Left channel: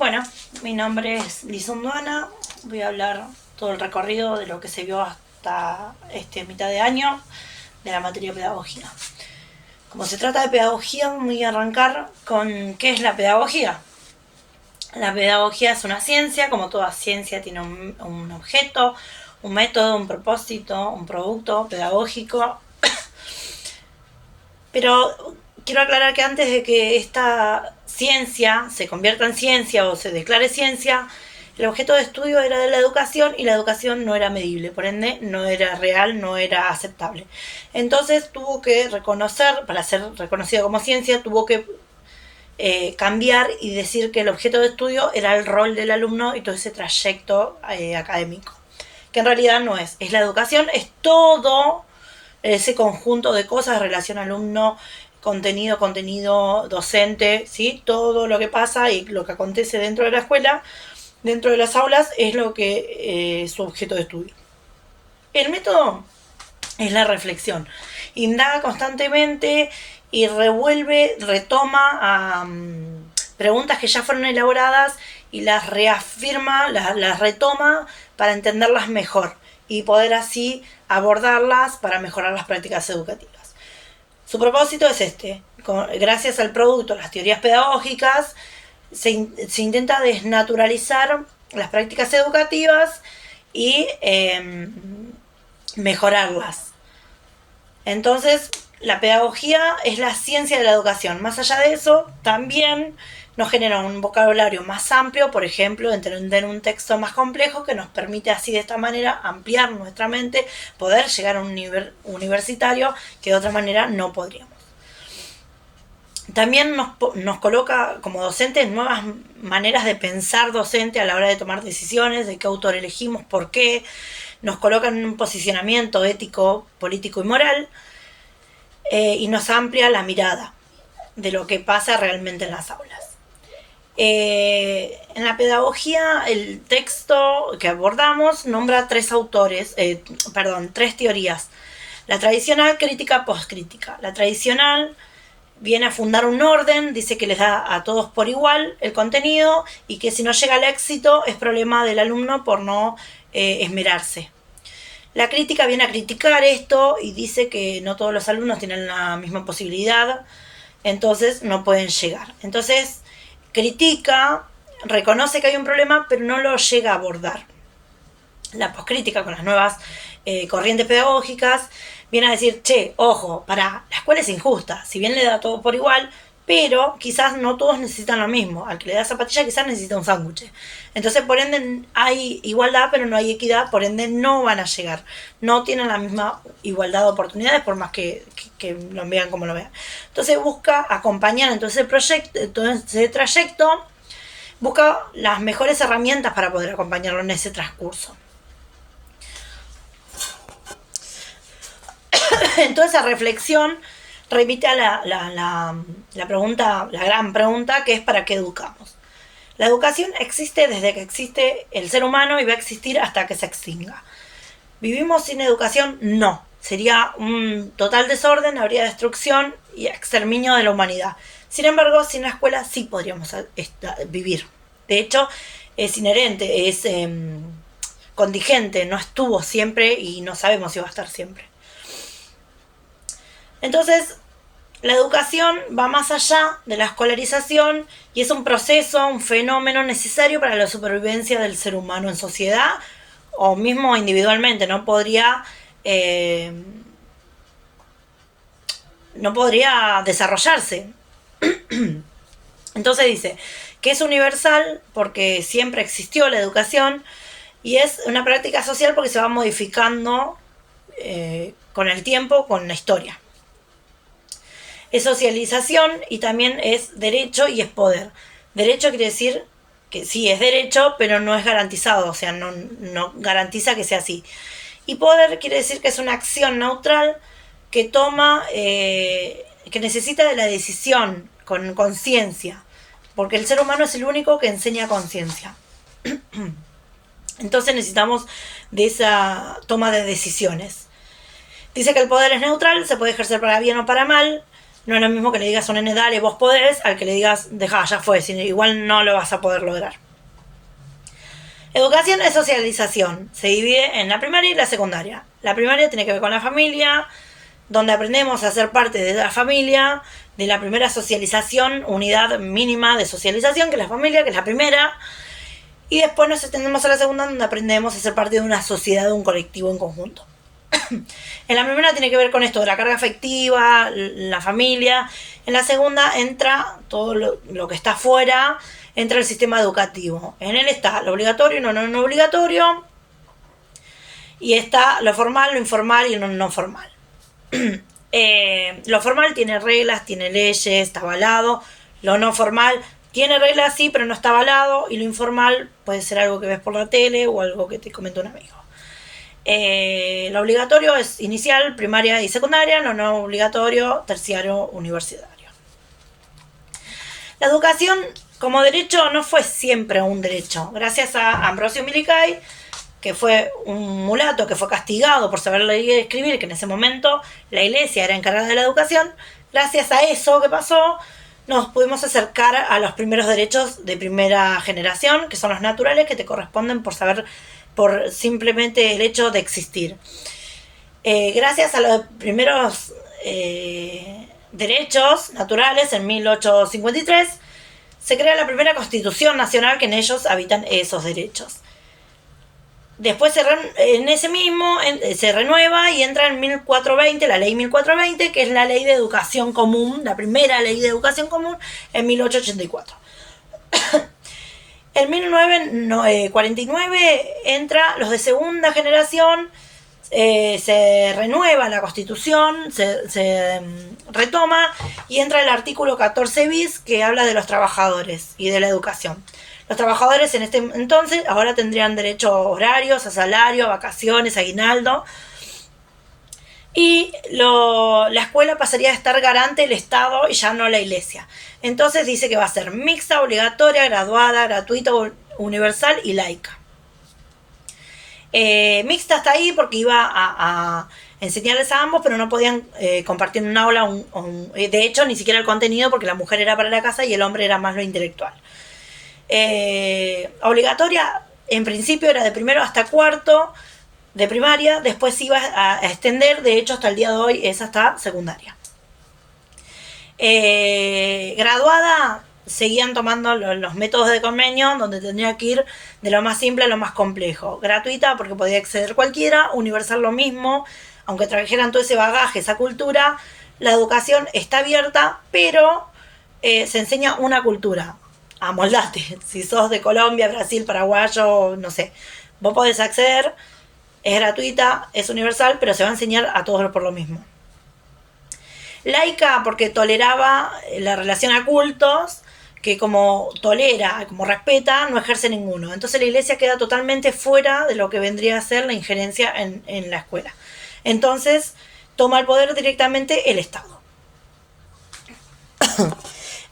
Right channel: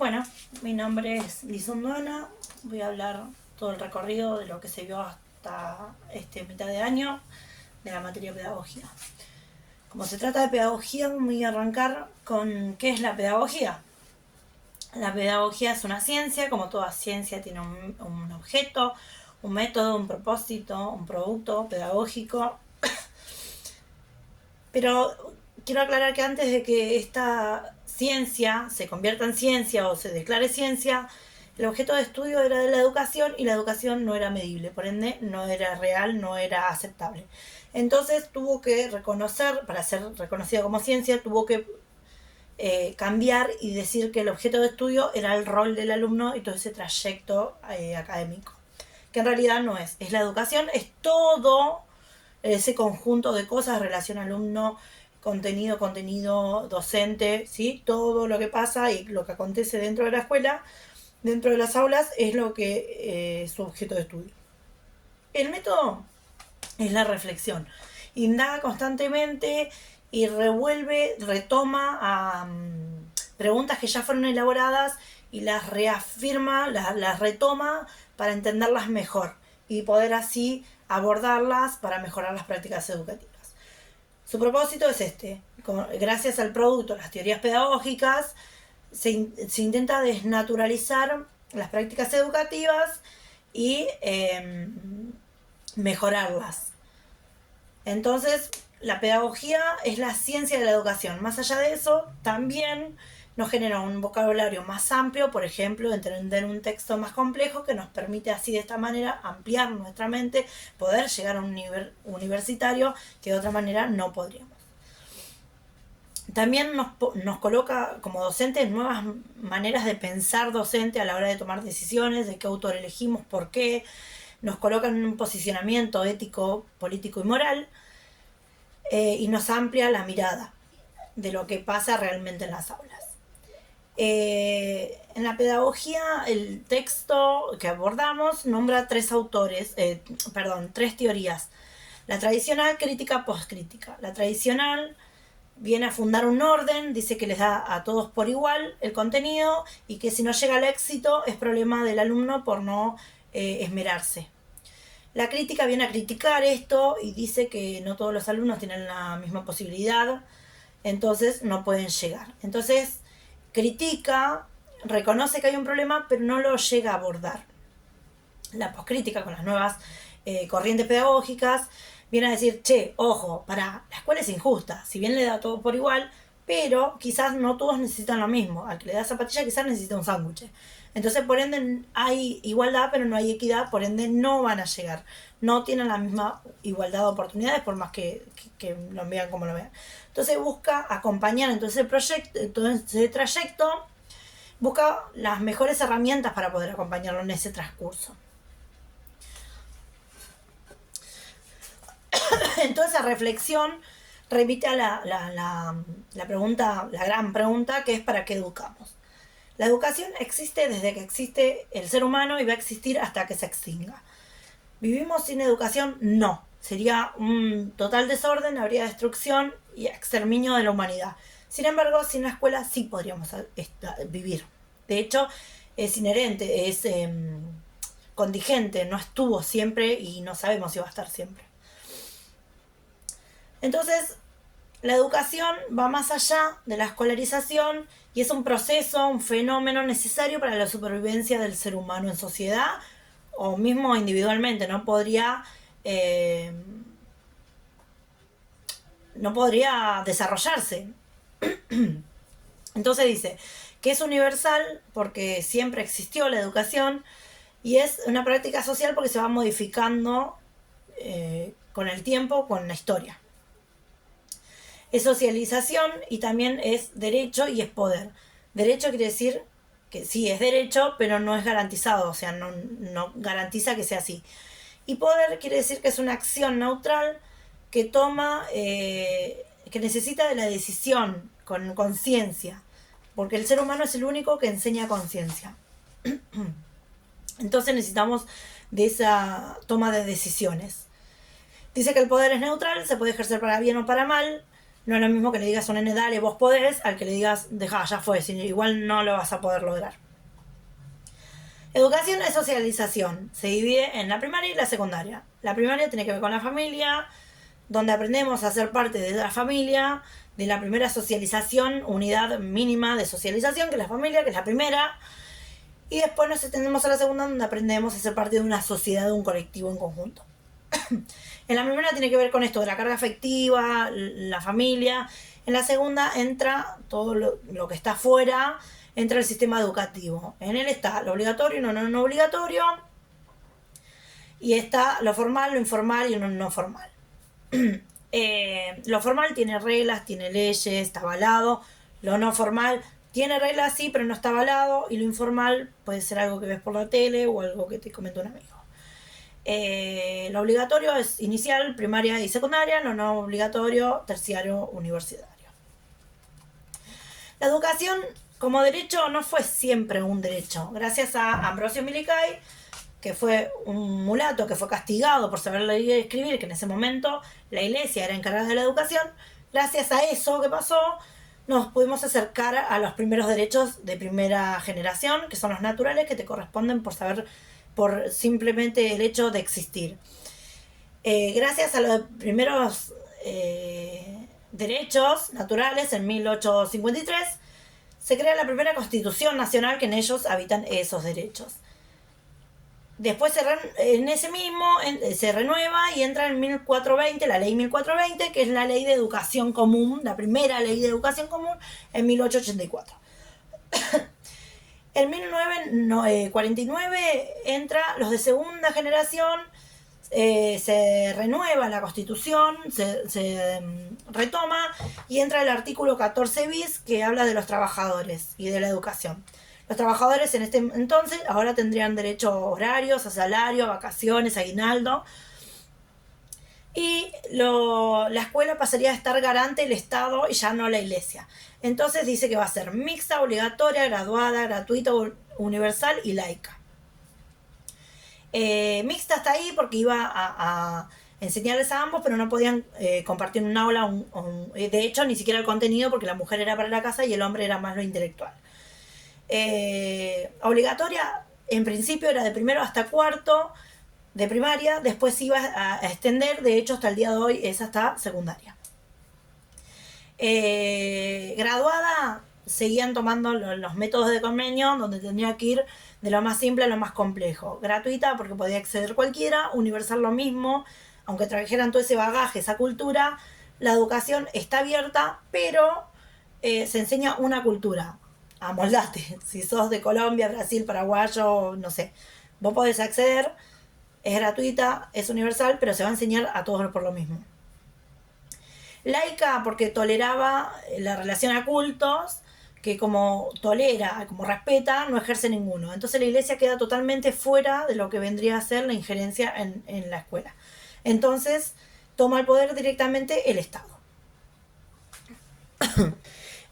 Bueno, mi nombre es Lizundo Ana. Voy a hablar todo el recorrido de lo que se vio hasta mitad de año de la materia de pedagogía. Como se trata de pedagogía, voy a arrancar con qué es la pedagogía. La pedagogía es una ciencia, como toda ciencia tiene un objeto, un método, un propósito, un producto pedagógico. Pero quiero aclarar que antes de que esta ciencia se convierta en ciencia o se declare ciencia, el objeto de estudio era de la educación y la educación no era medible, por ende no era real, no era aceptable. Entonces tuvo que reconocer, para ser reconocido como ciencia, tuvo que cambiar y decir que el objeto de estudio era el rol del alumno y todo ese trayecto académico, que en realidad no es la educación, es todo ese conjunto de cosas, relación alumno, contenido docente, ¿sí? Todo lo que pasa y lo que acontece dentro de la escuela, dentro de las aulas, es lo que es su objeto de estudio. El método es la reflexión. Indaga constantemente y retoma preguntas que ya fueron elaboradas y las reafirma, las retoma para entenderlas mejor y poder así abordarlas para mejorar las prácticas educativas. Su propósito es gracias al producto, las teorías pedagógicas, se intenta desnaturalizar las prácticas educativas y mejorarlas. Entonces, la pedagogía es la ciencia de la educación. Más allá de eso, también nos genera un vocabulario más amplio, por ejemplo, entender un texto más complejo que nos permite así de esta manera ampliar nuestra mente, poder llegar a un nivel universitario que de otra manera no podríamos. También nos coloca como docentes nuevas maneras de pensar docente a la hora de tomar decisiones, de qué autor elegimos, por qué. Nos coloca en un posicionamiento ético, político y moral, y nos amplia la mirada de lo que pasa realmente en las aulas. En la pedagogía, el texto que abordamos nombra tres teorías. La tradicional, crítica, postcrítica. La tradicional viene a fundar un orden, dice que les da a todos por igual el contenido y que si no llega al éxito es problema del alumno por no esmerarse. La crítica viene a criticar esto y dice que no todos los alumnos tienen la misma posibilidad, entonces no pueden llegar. Entonces critica, reconoce que hay un problema, pero no lo llega a abordar. La poscrítica, con las nuevas corrientes pedagógicas, viene a decir, ojo, la escuela es injusta, si bien le da todo por igual, pero quizás no todos necesitan lo mismo. Al que le da zapatilla quizás necesita un sándwich. Entonces, por ende, hay igualdad, pero no hay equidad, por ende no van a llegar. No tienen la misma igualdad de oportunidades, por más que lo vean como lo vean. Entonces busca acompañar en todo ese trayecto, busca las mejores herramientas para poder acompañarlo en ese transcurso. Entonces, esa reflexión remite a la pregunta, la gran pregunta, que es ¿para qué educamos? La educación existe desde que existe el ser humano y va a existir hasta que se extinga. ¿Vivimos sin educación? No. Sería un total desorden, habría destrucción y exterminio de la humanidad. Sin embargo, sin la escuela sí podríamos vivir. De hecho, es inherente, es contingente, no estuvo siempre y no sabemos si va a estar siempre. Entonces, la educación va más allá de la escolarización y es un proceso, un fenómeno necesario para la supervivencia del ser humano en sociedad o mismo individualmente. No podría desarrollarse. Entonces dice que es universal porque siempre existió la educación y es una práctica social porque se va modificando con el tiempo, con la historia. Es socialización y también es derecho y es poder. Derecho quiere decir que sí es derecho, pero no es garantizado, o sea, no garantiza que sea así. Y poder quiere decir que es una acción neutral que toma, que necesita de la decisión con conciencia, porque el ser humano es el único que enseña conciencia. Entonces necesitamos de esa toma de decisiones. Dice que el poder es neutral, se puede ejercer para bien o para mal, No es lo mismo que le digas a un nene, dale, vos podés, al que le digas, dejá, ya fue, igual no lo vas a poder lograr. Educación es socialización. Se divide en la primaria y la secundaria. La primaria tiene que ver con la familia, donde aprendemos a ser parte de la familia, de la primera socialización, unidad mínima de socialización, que es la familia, que es la primera. Y después nos extendemos a la segunda, donde aprendemos a ser parte de una sociedad, de un colectivo en conjunto. En la primera tiene que ver con esto de la carga afectiva, la familia. En la segunda entra todo lo que está afuera, entra el sistema educativo. En él está lo obligatorio y lo no obligatorio. Y está lo formal, lo informal y lo no formal. Lo formal tiene reglas, tiene leyes, está avalado. Lo no formal tiene reglas, sí, pero no está avalado. Y lo informal puede ser algo que ves por la tele o algo que te comentó un amigo. Lo obligatorio es inicial, primaria y secundaria. Lo no obligatorio, terciario, universitario. La educación como derecho no fue siempre un derecho. Gracias a Ambrosio Milicay, que fue un mulato que fue castigado por saber leer y escribir, que en ese momento la iglesia era encargada de la educación, gracias a eso que pasó, nos pudimos acercar a los primeros derechos de primera generación, que son los naturales, que te corresponden por simplemente el hecho de existir. Gracias a los primeros derechos naturales, en 1853, se crea la primera Constitución Nacional, que en ellos habitan esos derechos. Después en ese mismo se renueva y entra en 1420, la ley 1420, que es la ley de educación común, la primera ley de educación común, en 1884. En 1949 entra los de segunda generación, se renueva la Constitución, se retoma y entra el artículo 14 bis, que habla de los trabajadores y de la educación. Los trabajadores en este entonces ahora tendrían derecho a horarios, a salario, a vacaciones, a aguinaldo. Y la escuela pasaría a estar garante del Estado y ya no la iglesia. Entonces dice que va a ser mixta, obligatoria, graduada, gratuita, universal y laica. Mixta está ahí porque iba a enseñarles a ambos, pero no podían compartir un aula. De hecho, ni siquiera el contenido, porque la mujer era para la casa y el hombre era más lo intelectual. Obligatoria, en principio era de primero hasta cuarto de primaria, después iba a extender, de hecho hasta el día de hoy es hasta secundaria. Graduada, seguían tomando los métodos de convenio, donde tendría que ir de lo más simple a lo más complejo. Gratuita, porque podía acceder cualquiera. Universal, lo mismo, aunque trajeran todo ese bagaje, esa cultura. La educación está abierta, pero se enseña una cultura. Amoldate. Si sos de Colombia, Brasil, Paraguayo, no sé, vos podés acceder, es gratuita, es universal, pero se va a enseñar a todos por lo mismo. Laica, porque toleraba la relación a cultos, que como tolera, como respeta, no ejerce ninguno. Entonces la iglesia queda totalmente fuera de lo que vendría a ser la injerencia en la escuela. Entonces toma el poder directamente el Estado.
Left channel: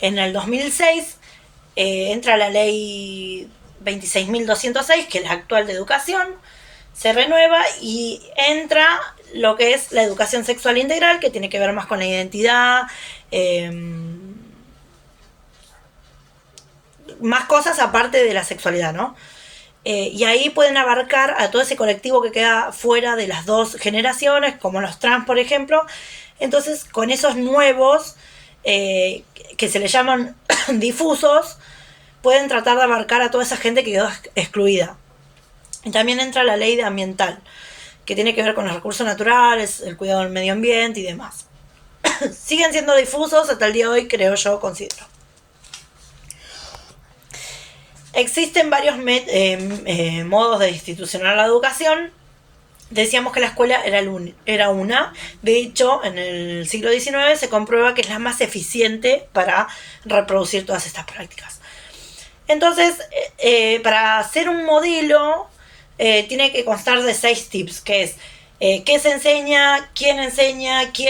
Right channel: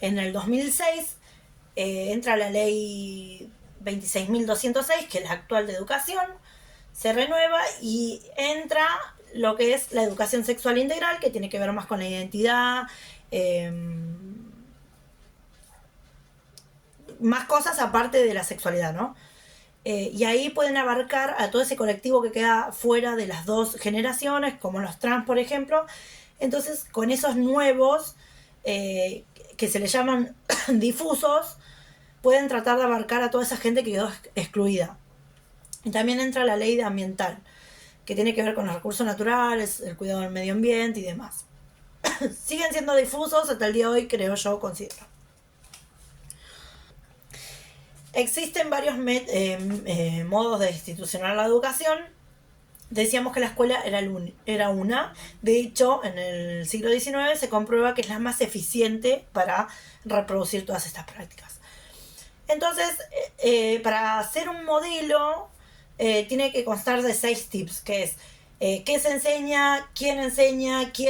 En el 2006 entra la ley 26.206, que es la actual de educación, se renueva y entra lo que es la educación sexual integral, que tiene que ver más con la identidad, más cosas aparte de la sexualidad, ¿no? Y ahí pueden abarcar a todo ese colectivo que queda fuera de las dos generaciones, como los trans, por ejemplo. Entonces, con esos nuevos, que se les llaman difusos, pueden tratar de abarcar a toda esa gente que quedó excluida. Y también entra la ley ambiental, que tiene que ver con los recursos naturales, el cuidado del medio ambiente y demás. Siguen siendo difusos hasta el día de hoy, creo yo, considero. Existen varios modos de institucionar la educación. Decíamos que la escuela era una. De hecho, en el siglo XIX se comprueba que es la más eficiente para reproducir todas estas prácticas. Entonces, para hacer un modelo, tiene que constar de 6 tips, que es qué se enseña, quién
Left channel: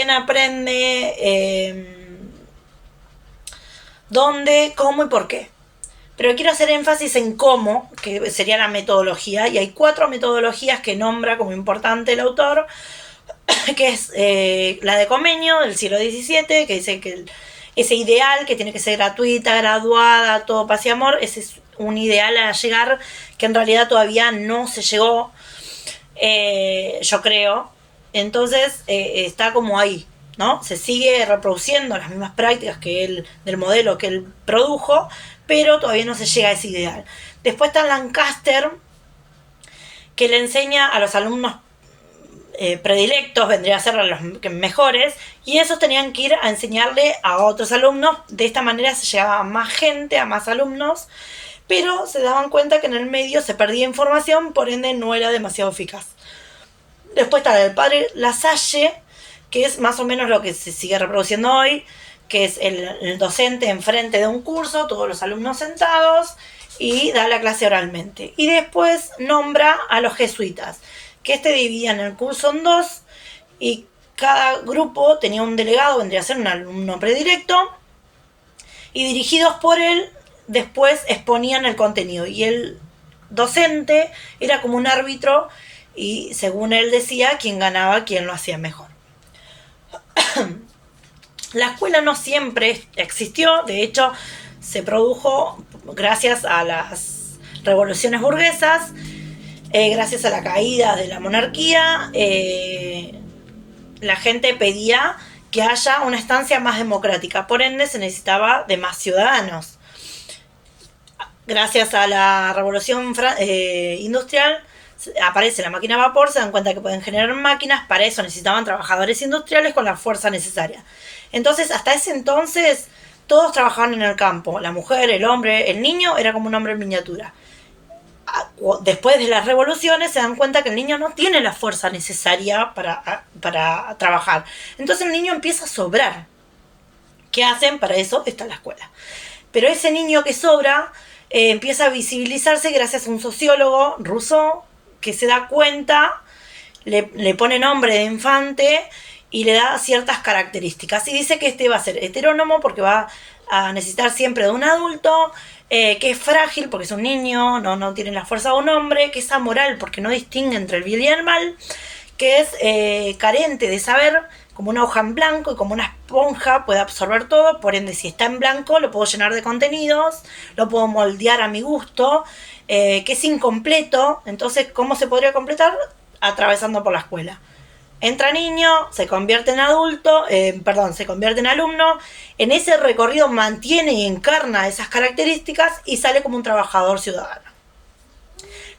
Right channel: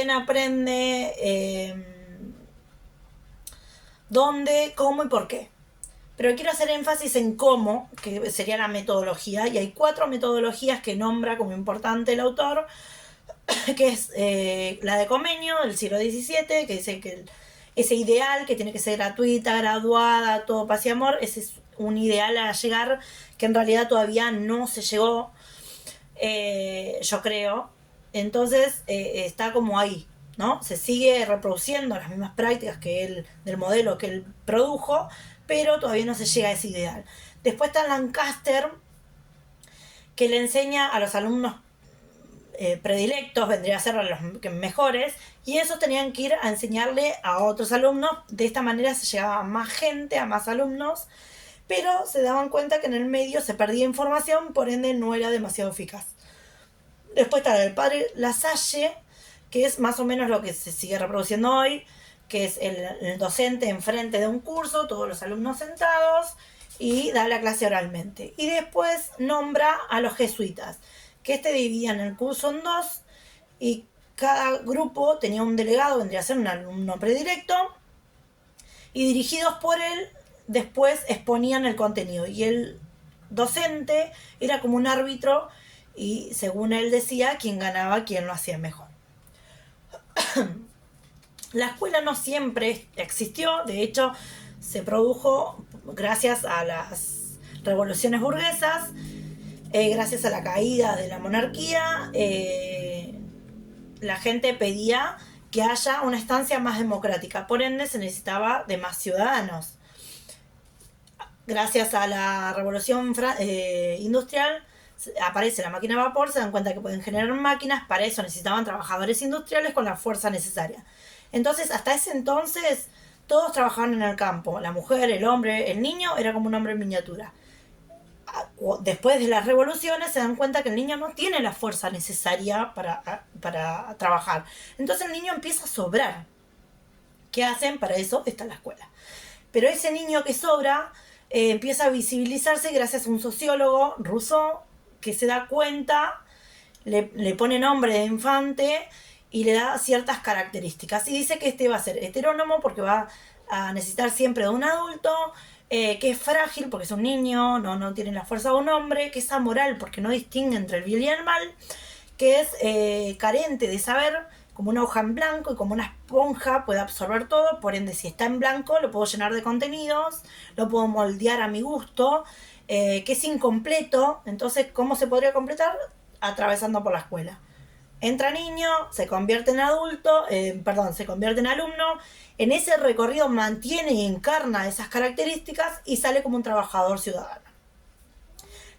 aprende, dónde, cómo y por qué. Pero quiero hacer énfasis en cómo, que sería la metodología, y hay 4 metodologías que nombra como importante el autor. que es la de Comenio del siglo XVII, que dice que ese ideal que tiene que ser gratuita, graduada, todo paz y amor, ese es un ideal a llegar que en realidad todavía no se llegó, yo creo. Entonces está como ahí, ¿no? Se sigue reproduciendo las mismas prácticas que él, del modelo que él produjo, pero todavía no se llega a ese ideal. Después está Lancaster, que le enseña a los alumnos predilectos, vendría a ser a los mejores, y esos tenían que ir a enseñarle a otros alumnos. De esta manera se llegaba a más gente, a más alumnos, pero se daban cuenta que en el medio se perdía información, por ende no era demasiado eficaz. Después está el padre Lasalle, que es más o menos lo que se sigue reproduciendo hoy, que es el docente enfrente de un curso, todos los alumnos sentados, y da la clase oralmente. Y después nombra a los jesuitas, que dividían el curso en dos, y cada grupo tenía un delegado, vendría a ser un alumno predilecto, y dirigidos por él, después exponían el contenido. Y el docente era como un árbitro, y según él decía, quién ganaba, quién lo hacía mejor. La escuela no siempre existió, de hecho se produjo gracias a las revoluciones burguesas, gracias a la caída de la monarquía. La gente pedía que haya una estancia más democrática, por ende se necesitaba de más ciudadanos. Gracias a la revolución industrial aparece la máquina a vapor, se dan cuenta que pueden generar máquinas, para eso necesitaban trabajadores industriales con la fuerza necesaria. Entonces, hasta ese entonces, todos trabajaban en el campo, la mujer, el hombre, el niño era como un hombre en miniatura. Después de las revoluciones se dan cuenta que el niño no tiene la fuerza necesaria para trabajar. Entonces el niño empieza a sobrar. ¿Qué hacen? Para eso está la escuela. Pero ese niño que sobra empieza a visibilizarse gracias a un sociólogo, Rousseau, que se da cuenta, le pone nombre de infante y le da ciertas características. Y dice que va a ser heterónomo porque va a necesitar siempre de un adulto, que es frágil porque es un niño, no tiene la fuerza de un hombre, que es amoral porque no distingue entre el bien y el mal, que es carente de saber, como una hoja en blanco y como una esponja puede absorber todo, por ende si está en blanco lo puedo llenar de contenidos, lo puedo moldear a mi gusto, que es incompleto. Entonces, ¿cómo se podría completar? Atravesando por la escuela. Entra niño, se convierte en adulto, se convierte en alumno, en ese recorrido mantiene y encarna esas características y sale como un trabajador ciudadano.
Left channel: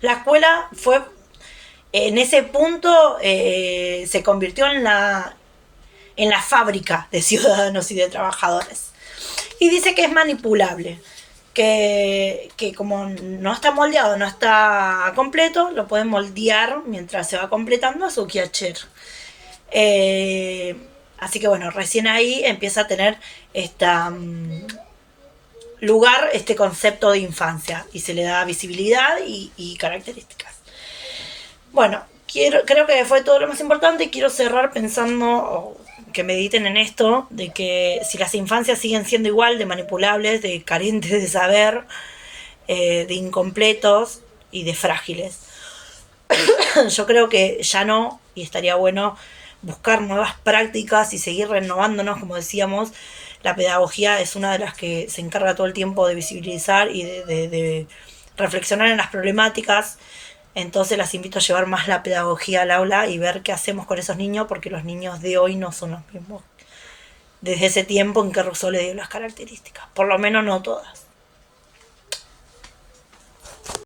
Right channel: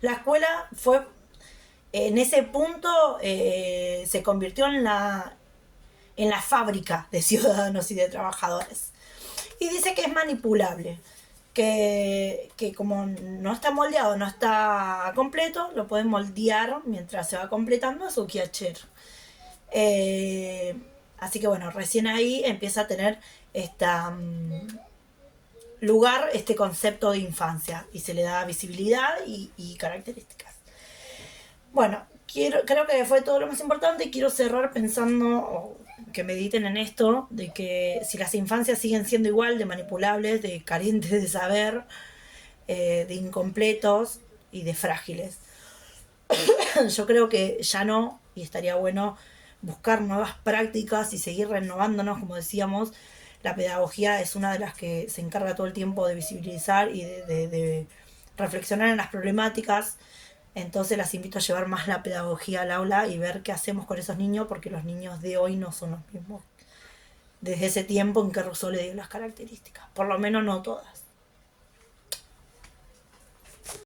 La escuela fue, en ese punto, se convirtió en la fábrica de ciudadanos y de trabajadores. Y dice que es manipulable, que como no está moldeado, no está completo, lo pueden moldear mientras se va completando a su quehacer. Así que bueno, recién ahí empieza a tener lugar este concepto de infancia y se le da visibilidad y características. Bueno, creo que fue todo lo más importante y quiero cerrar pensando, que mediten en esto, de que si las infancias siguen siendo igual de manipulables, de carentes de saber, de incompletos y de frágiles, yo creo que ya no, y estaría bueno buscar nuevas prácticas y seguir renovándonos, como decíamos. La pedagogía es una de las que se encarga todo el tiempo de visibilizar y de reflexionar en las problemáticas. Entonces las invito a llevar más la pedagogía al aula y ver qué hacemos con esos niños, porque los niños de hoy no son los mismos desde ese tiempo en que Rousseau le dio las características, por lo menos no todas.